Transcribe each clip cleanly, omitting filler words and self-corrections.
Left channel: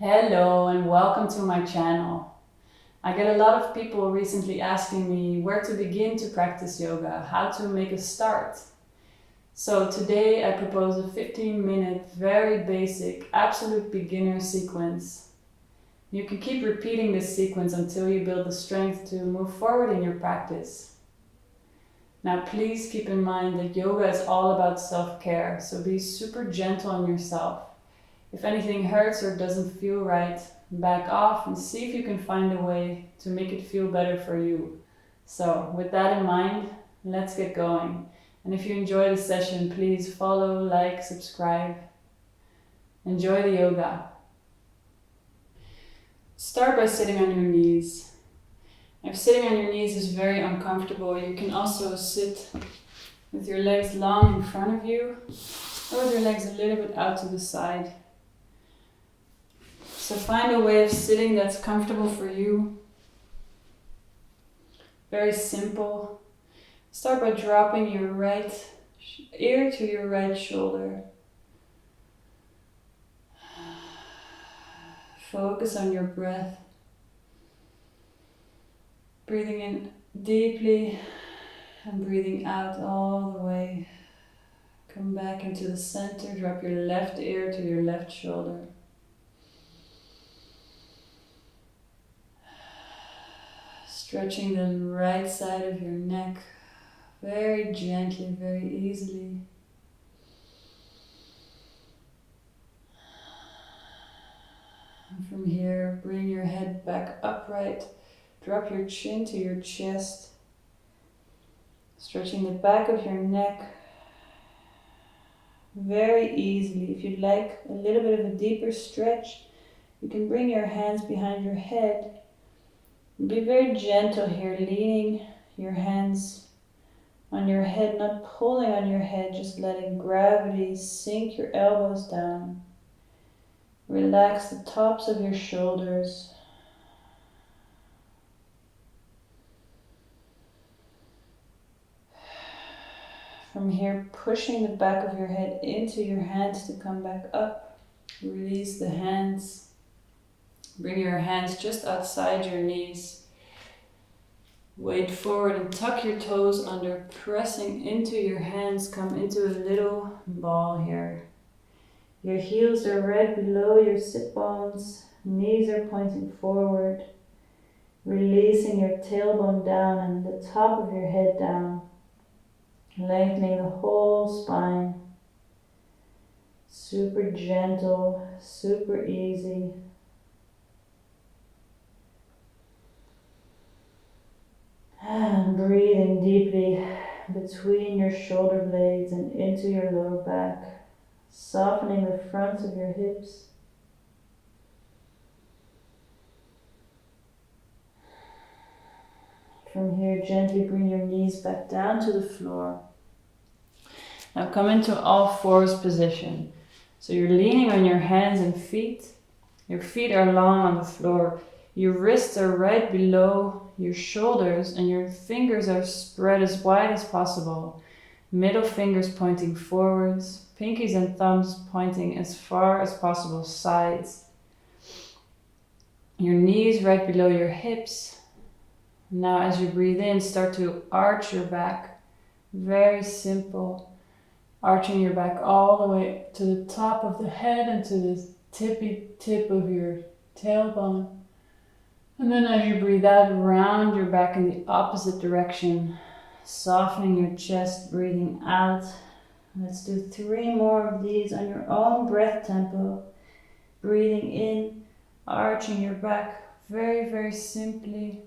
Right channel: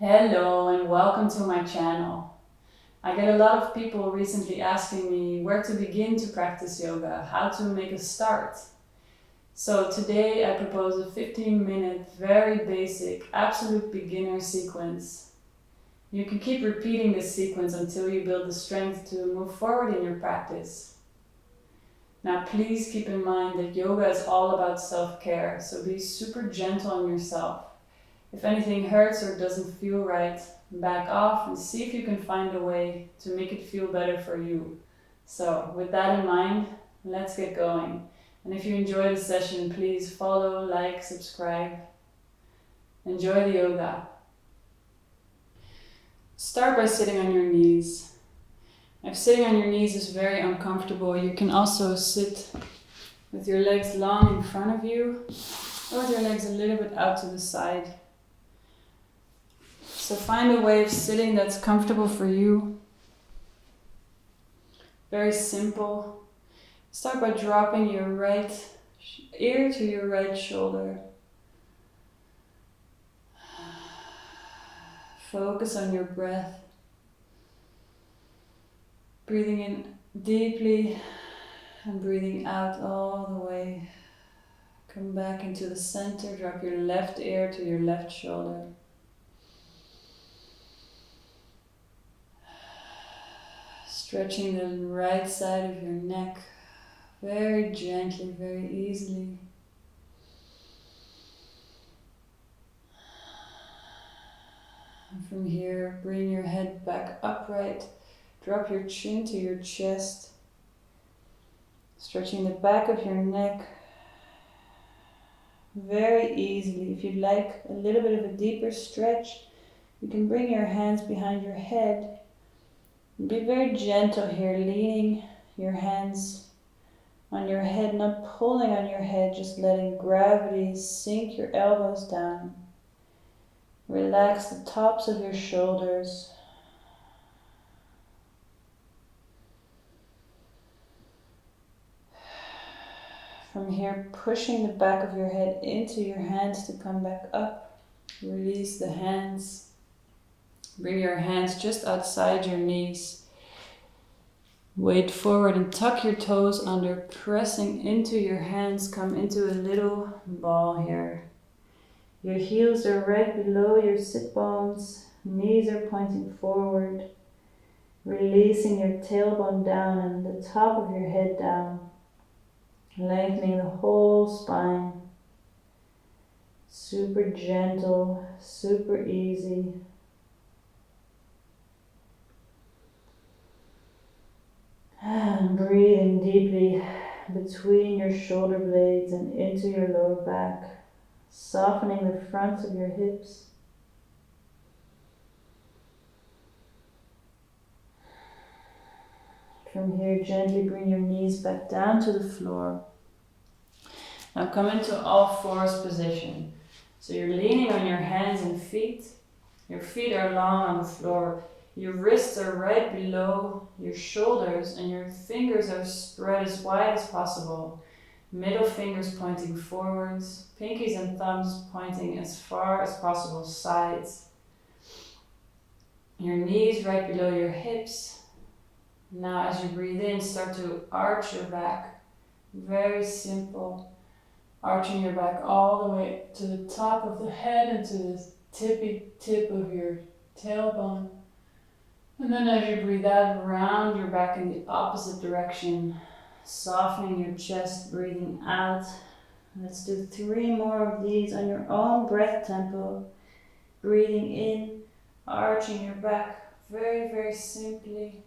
Hello and welcome to my channel. I get a lot of people recently asking me where to begin to practice yoga, how to make a start. So today I propose a 15-minute, very basic, absolute beginner sequence. You can keep repeating this sequence until you build the strength to move forward in your practice. Now please keep in mind that yoga is all about self-care, so be super gentle on yourself. If anything hurts or doesn't feel right, back off and see if you can find a way to make it feel better for you. So with that in mind, let's get going. And if you enjoy the session, please follow, like, subscribe. Enjoy the yoga. Start by sitting on your knees. If sitting on your knees is very uncomfortable, you can also sit with your legs long in front of you or with your legs a little bit out to the side. So find a way of sitting that's comfortable for you. Very simple. Start by dropping your right ear to your right shoulder. Focus on your breath. Breathing in deeply and breathing out all the way. Come back into the center. Drop your left ear to your left shoulder. Stretching the right side of your neck very gently, very easily. And from here, bring your head back upright. Drop your chin to your chest. Stretching the back of your neck very easily. If you'd like a little bit of a deeper stretch, you can bring your hands behind your head. Be very gentle here, leaning your hands on your head, not pulling on your head, just letting gravity sink your elbows down. Relax the tops of your shoulders. From here, pushing the back of your head into your hands to come back up. Release the hands. Bring your hands just outside your knees. Weight forward and tuck your toes under, pressing into your hands. Come into a little ball here. Your heels are right below your sit bones. Knees are pointing forward. Releasing your tailbone down and the top of your head down. Lengthening the whole spine. Super gentle, super easy. And breathing deeply between your shoulder blades and into your lower back, softening the fronts of your hips. From here, gently bring your knees back down to the floor. Now come into all fours position. So you're leaning on your hands and feet. Your feet are long on the floor. Your wrists are right below your shoulders and your fingers are spread as wide as possible. Middle fingers pointing forwards, pinkies and thumbs pointing as far as possible sides. Your knees right below your hips. Now as you breathe in, start to arch your back. Very simple. Arching your back all the way to the top of the head and to the tippy tip of your tailbone. And then as you breathe out, round your back in the opposite direction, softening your chest, breathing out. Let's do 3 more of these on your own breath tempo. Breathing in, arching your back very, very simply.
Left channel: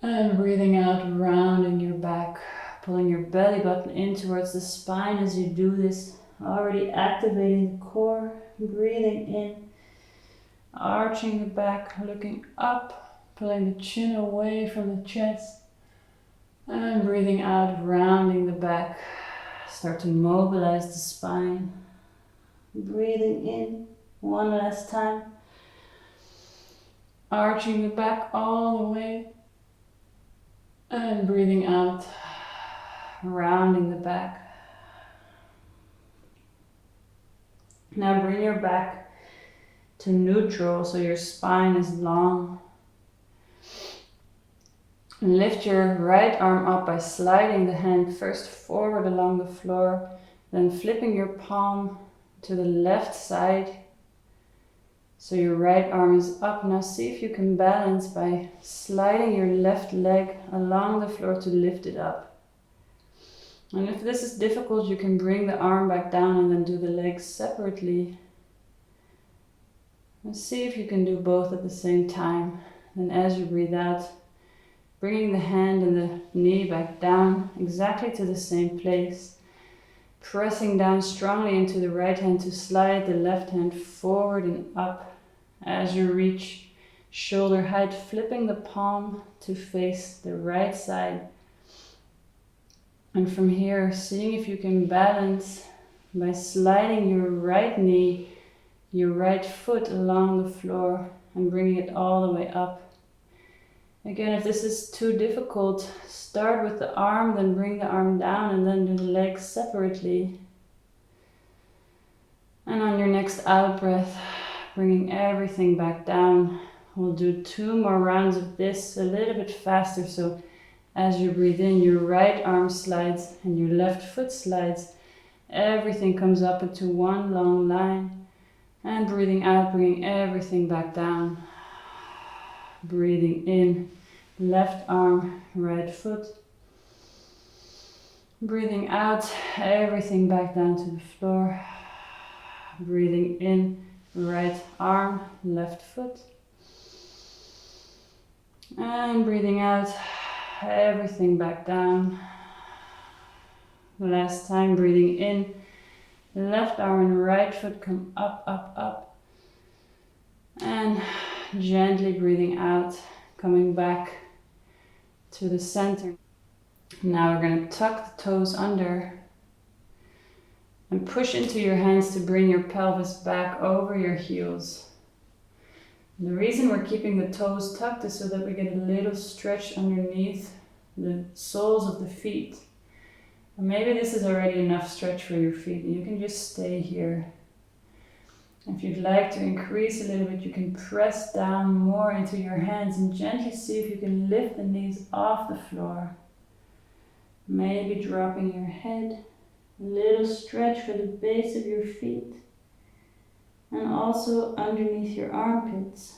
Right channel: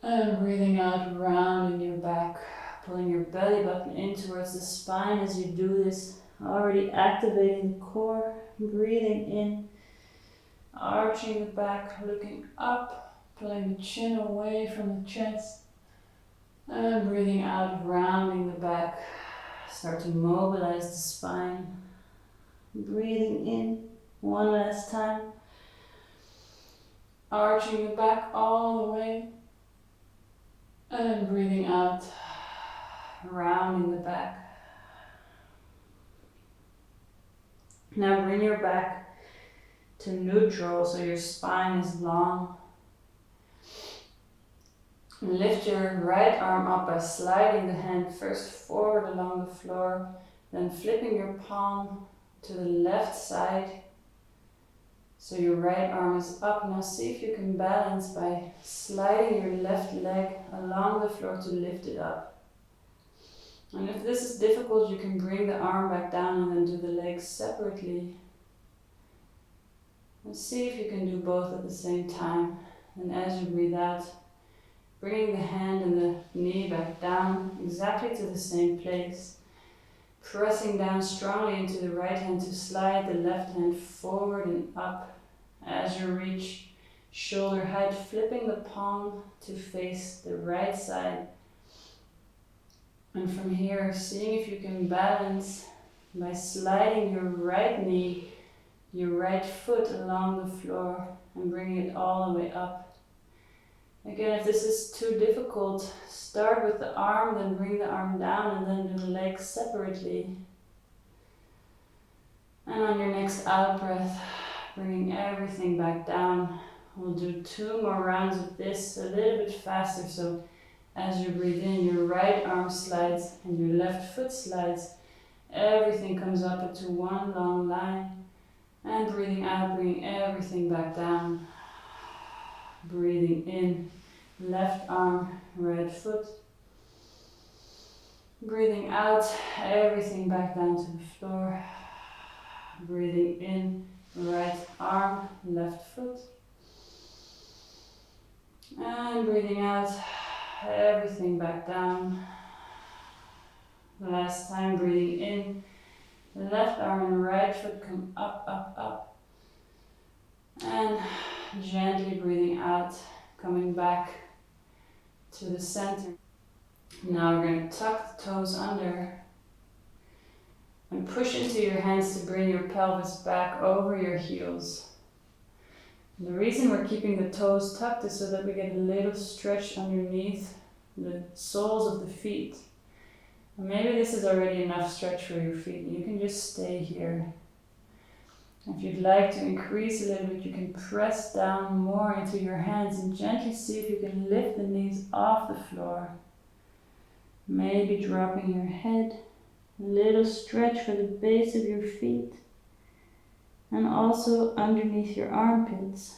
And breathing out, rounding your back, pulling your belly button in towards the spine as you do this, already activating the core. Breathing in, arching the back, looking up, pulling the chin away from the chest, and breathing out, rounding the back. Start to mobilize the spine. Breathing in, one last time, arching the back all the way, and breathing out, rounding the back. Now bring your back to neutral, so your spine is long. Lift your right arm up by sliding the hand first forward along the floor, then flipping your palm to the left side. So your right arm is up. Now see if you can balance by sliding your left leg along the floor to lift it up. And if this is difficult, you can bring the arm back down and then do the legs separately. And see if you can do both at the same time. And as you breathe out, bringing the hand and the knee back down exactly to the same place. Pressing down strongly into the right hand to slide the left hand forward and up as you reach shoulder height, flipping the palm to face the right side. And from here, seeing if you can balance by sliding your right knee, your right foot along the floor and bringing it all the way up. Again, if this is too difficult, start with the arm, then bring the arm down and then do the legs separately. And on your next out breath, bringing everything back down. We'll do 2 more rounds of this a little bit faster. So as you breathe in, your right arm slides and your left foot slides. Everything comes up into one long line. And breathing out, bringing everything back down. Breathing in, left arm, right foot. Breathing out, everything back down to the floor. Breathing in, right arm, left foot. And breathing out, everything back down. Last time, breathing in, left arm and right foot come up, up, up. And gently breathing out, coming back to the center. Now we're going to tuck the toes under and push into your hands to bring your pelvis back over your heels. The reason we're keeping the toes tucked is so that we get a little stretch underneath the soles of the feet. And maybe this is already enough stretch for your feet and you can just stay here. If you'd like to increase a little bit, you can press down more into your hands and gently see if you can lift the knees off the floor. Maybe dropping your head, a little stretch for the base of your feet and also underneath your armpits.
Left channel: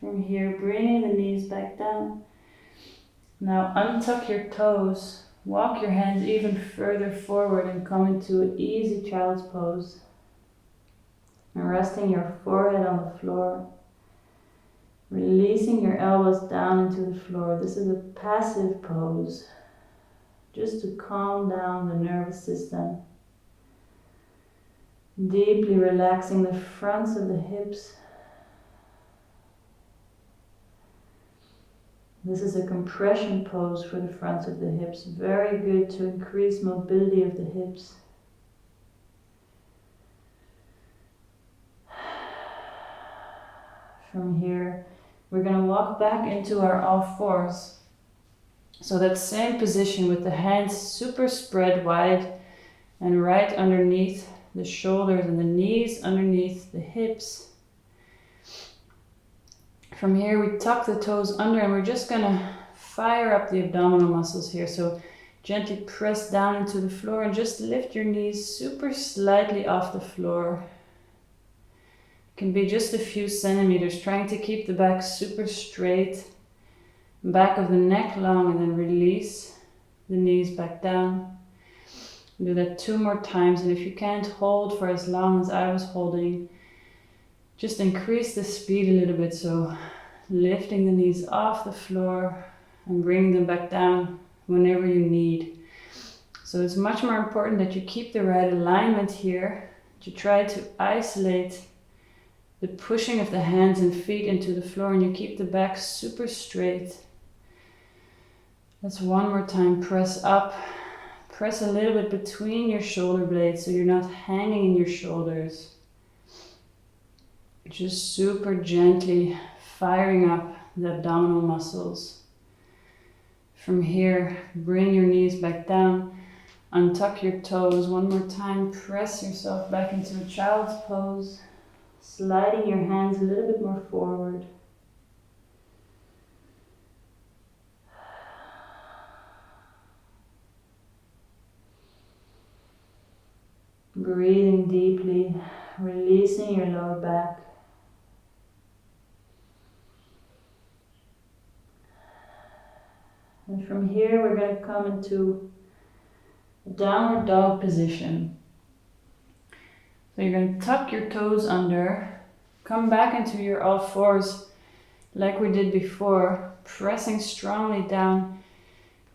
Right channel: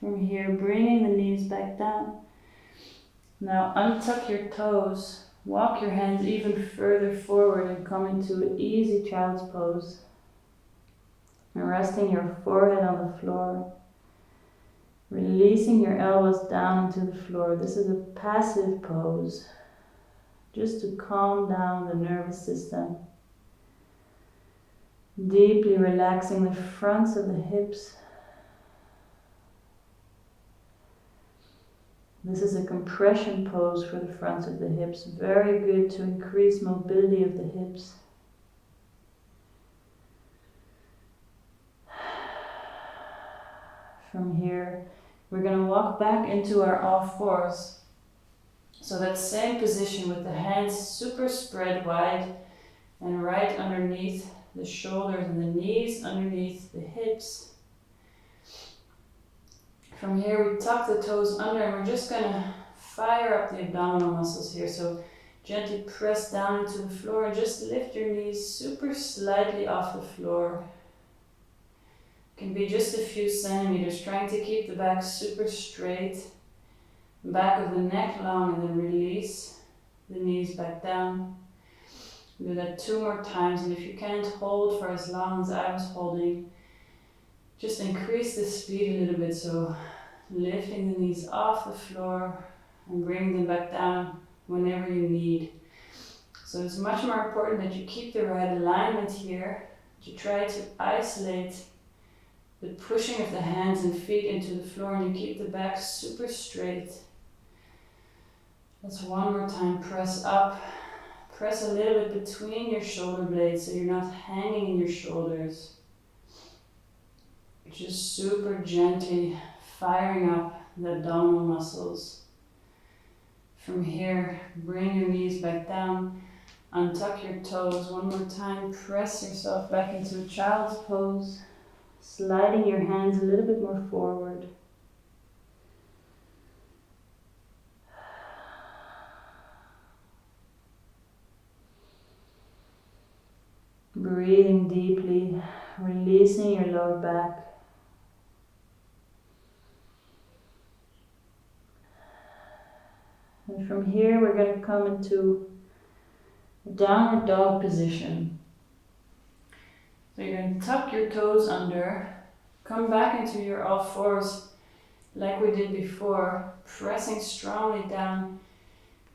From here, bringing the knees back down. Now untuck your toes, walk your hands even further forward and come into an easy child's pose. And resting your forehead on the floor, releasing your elbows down into the floor. This is a passive pose, just to calm down the nervous system. Deeply relaxing the fronts of the hips. This is a compression pose for the fronts of the hips, very good to increase mobility of the hips. From here, we're going to walk back into our all fours. So that same position with the hands super spread wide and right underneath the shoulders and the knees underneath the hips. From here, we tuck the toes under and we're just going to fire up the abdominal muscles here. So gently press down into the floor and just lift your knees super slightly off the floor. Can be just a few centimeters, trying to keep the back super straight, back of the neck long, and then release the knees back down. Do that 2 more times, and if you can't hold for as long as I was holding, just increase the speed a little bit, so lifting the knees off the floor and bringing them back down whenever you need. So it's much more important that you keep the right alignment here, to try to isolate the pushing of the hands and feet into the floor, and you keep the back super straight. Let's 1 more time. Press up. Press a little bit between your shoulder blades so you're not hanging in your shoulders. Just super gently firing up the abdominal muscles. From here, bring your knees back down. Untuck your toes 1 more time. Press yourself back into a child's pose. sliding your hands a little bit more forward. Breathing deeply, releasing your lower back. And from here we're going to come into a downward dog position. So you're going to tuck your toes under, come back into your all fours like we did before, pressing strongly down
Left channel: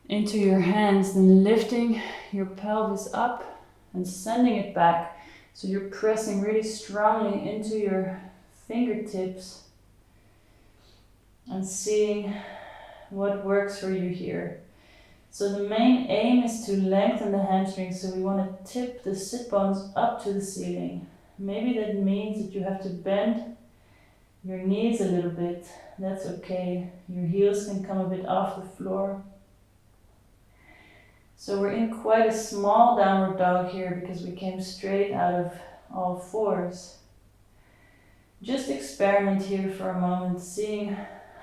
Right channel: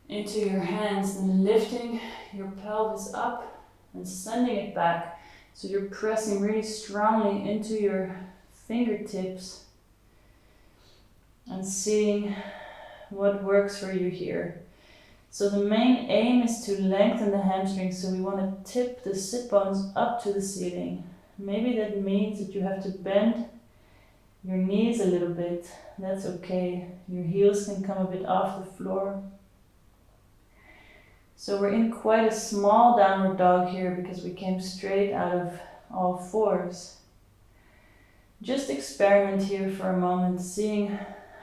into your hands, then lifting your pelvis up and sending it back. So you're pressing really strongly into your fingertips and seeing what works for you here. So the main aim is to lengthen the hamstrings, so we want to tip the sit bones up to the ceiling. Maybe that means that you have to bend your knees a little bit. That's okay. Your heels can come a bit off the floor. So we're in quite a small downward dog here because we came straight out of all fours. Just experiment here for a moment, seeing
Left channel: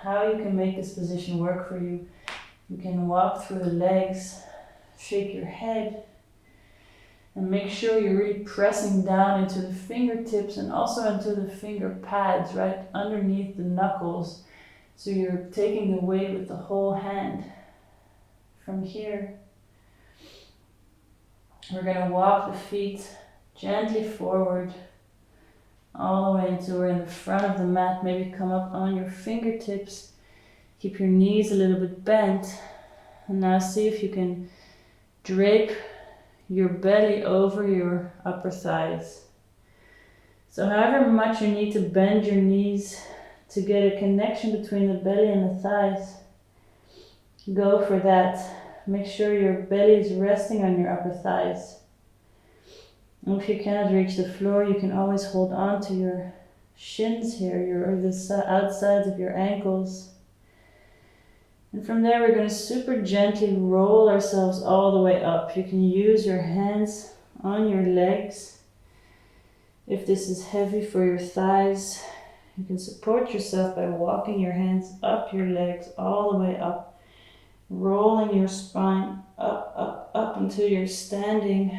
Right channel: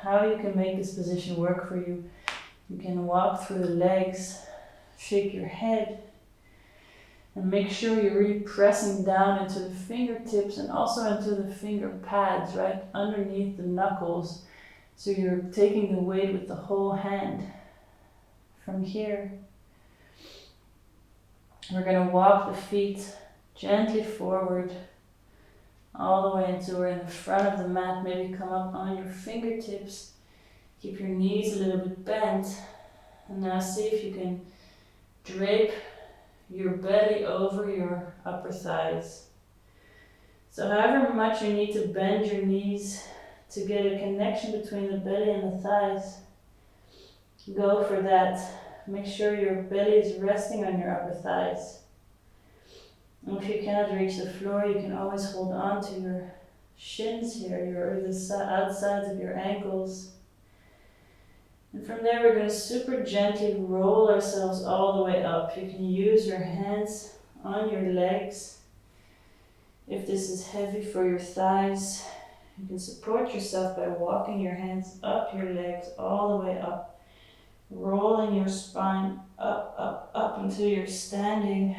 how you can make this position work for you. You can walk through the legs, shake your head, and make sure you're really pressing down into the fingertips and also into the finger pads right underneath the knuckles. So you're taking the weight with the whole hand. From here, we're going to walk the feet gently forward all the way until we're in the front of the mat. Maybe come up on your fingertips. Keep your knees a little bit bent. And now see if you can drape your belly over your upper thighs. So however much you need to bend your knees to get a connection between the belly and the thighs, go for that. Make sure your belly is resting on your upper thighs. And if you cannot reach the floor, you can always hold on to your shins here, the outsides of your ankles. And from there we're going to super gently roll ourselves all the way up. You can use your hands on your legs. If this is heavy for your thighs, you can support yourself by walking your hands up your legs all the way up, rolling your spine up, up, up until you're standing.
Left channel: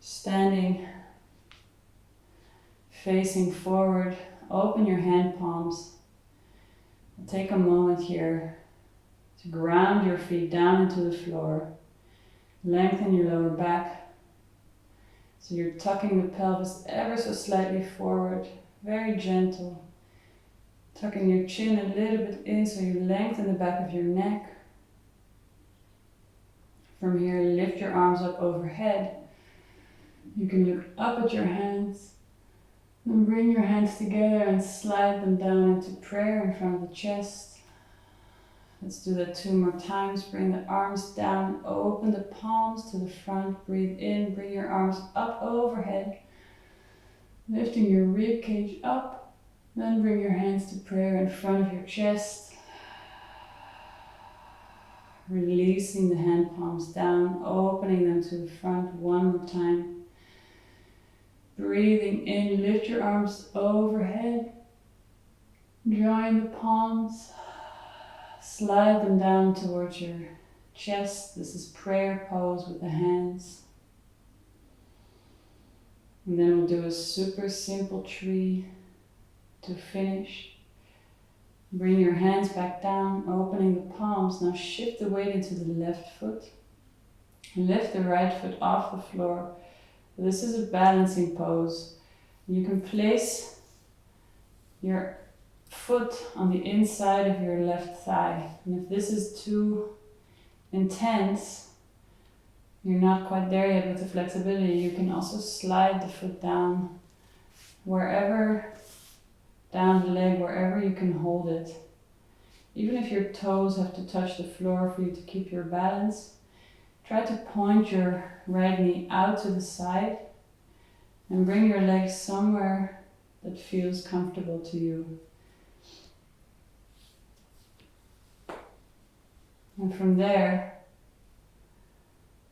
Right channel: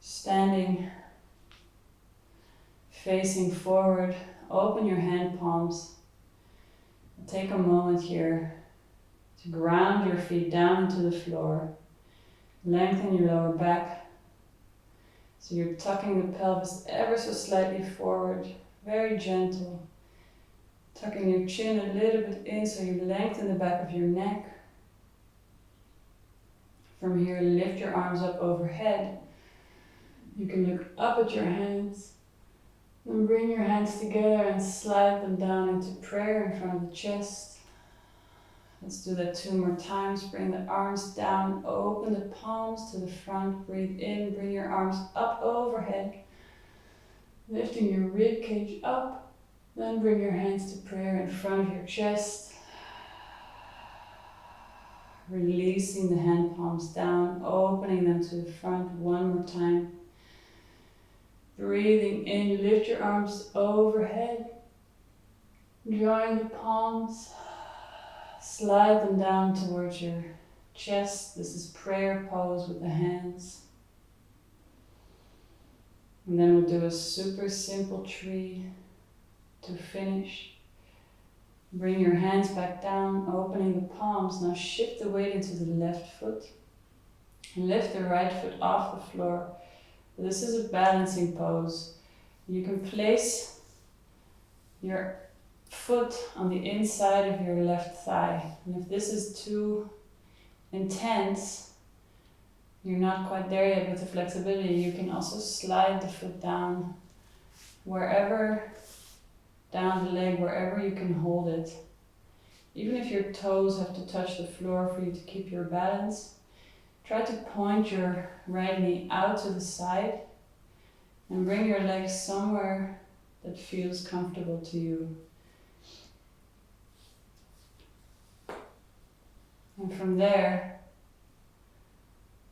Standing, facing forward, open your hand palms. Take a moment here to ground your feet down into the floor. Lengthen your lower back. So you're tucking the pelvis ever so slightly forward, very gentle. Tucking your chin a little bit in so you lengthen the back of your neck. From here, lift your arms up overhead. You can look up at your hands and bring your hands together and slide them down into prayer in front of the chest. Let's do that 2 more times. Bring the arms down, open the palms to the front, breathe in, bring your arms up overhead, lifting your rib cage up, then bring your hands to prayer in front of your chest. Releasing the hand palms down, opening them to the front 1 more time. Breathing in, lift your arms overhead, join the palms, slide them down towards your chest. This is prayer pose with the hands. And then we'll do a super simple tree to finish. Bring your hands back down, opening the palms. Now shift the weight into the left foot. And lift the right foot off the floor. This is a balancing pose. You can place your foot on the inside of your left thigh. And if this is too intense, you're not quite there yet with the flexibility, you can also slide the foot down wherever, down the leg, wherever you can hold it. Even if your toes have to touch the floor for you to keep your balance, try to point your right knee out to the side and bring your legs somewhere that feels comfortable to you. And from there,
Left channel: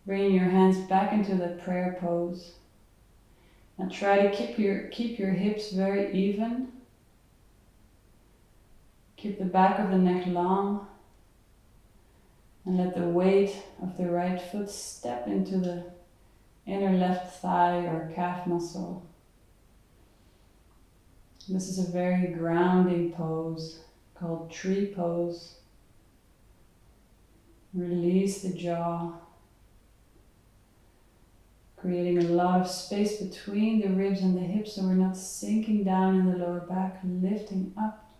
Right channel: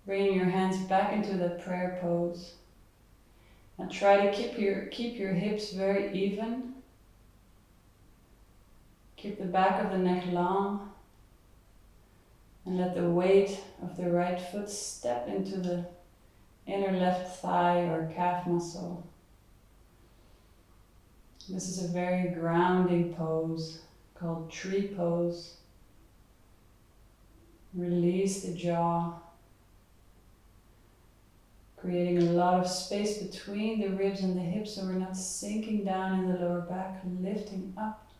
bringing your hands back into the prayer pose. And try to keep your hips very even. Keep the back of the neck long. And let the weight of the right foot step into the inner left thigh or calf muscle. This is a very grounding pose called tree pose. Release the jaw, creating a lot of space between the ribs and the hips so we're not sinking down in the lower back, lifting up.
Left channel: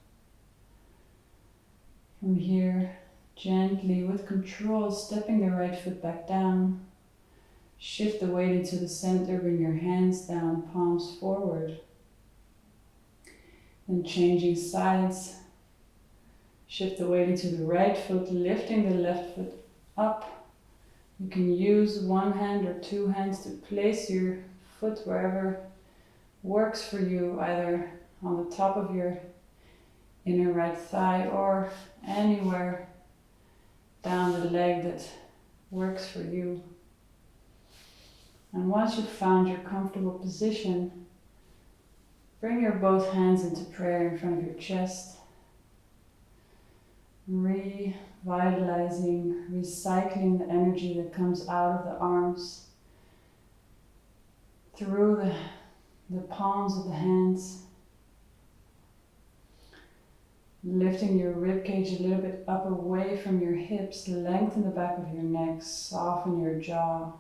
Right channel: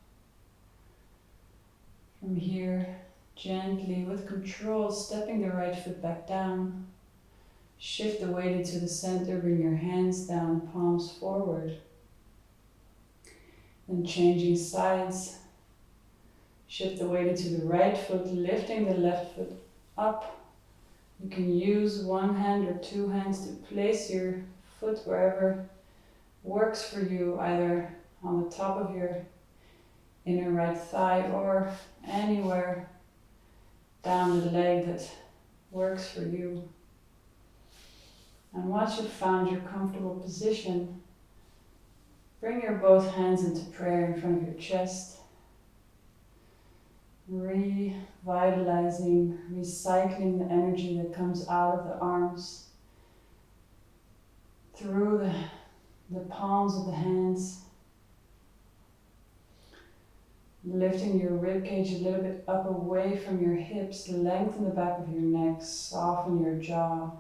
From here, gently, with control, stepping the right foot back down. Shift the weight into the center, bring your hands down, palms forward. Then changing sides. Shift the weight into the right foot, lifting the left foot up. You can use one hand or two hands to place your foot wherever works for you, either on the top of your inner right thigh or anywhere down the leg that works for you. And once you've found your comfortable position, bring your both hands into prayer in front of your chest, revitalizing, recycling the energy that comes out of the arms through the palms of the hands, lifting your ribcage a little bit up away from your hips, lengthen the back of your neck, soften your jaw.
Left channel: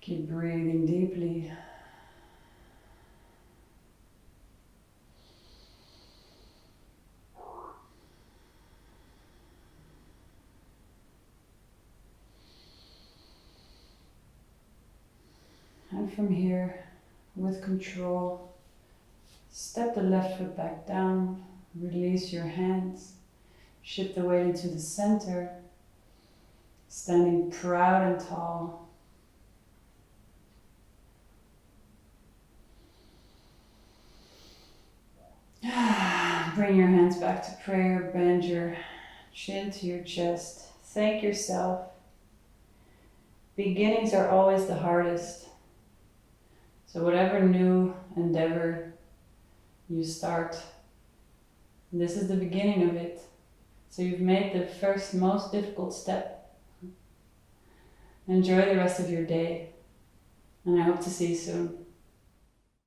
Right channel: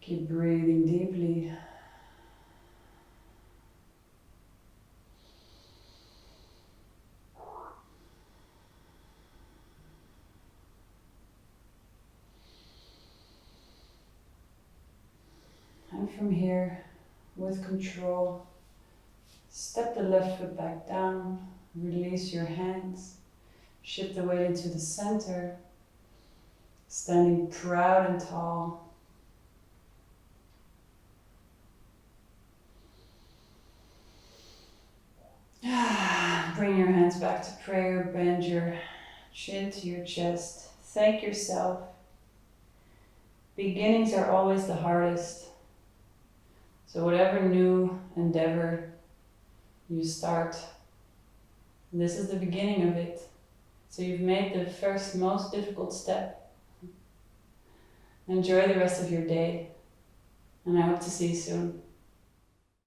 Keep breathing deeply. And from here, with control, step the left foot back down, release your hands, shift the weight into the center, standing proud and tall. Bring your hands back to prayer, bend your chin to your chest, thank yourself. Beginnings are always the hardest. So whatever new endeavor you start, this is the beginning of it. So you've made the first most difficult step. Enjoy the rest of your day, and I hope to see you soon.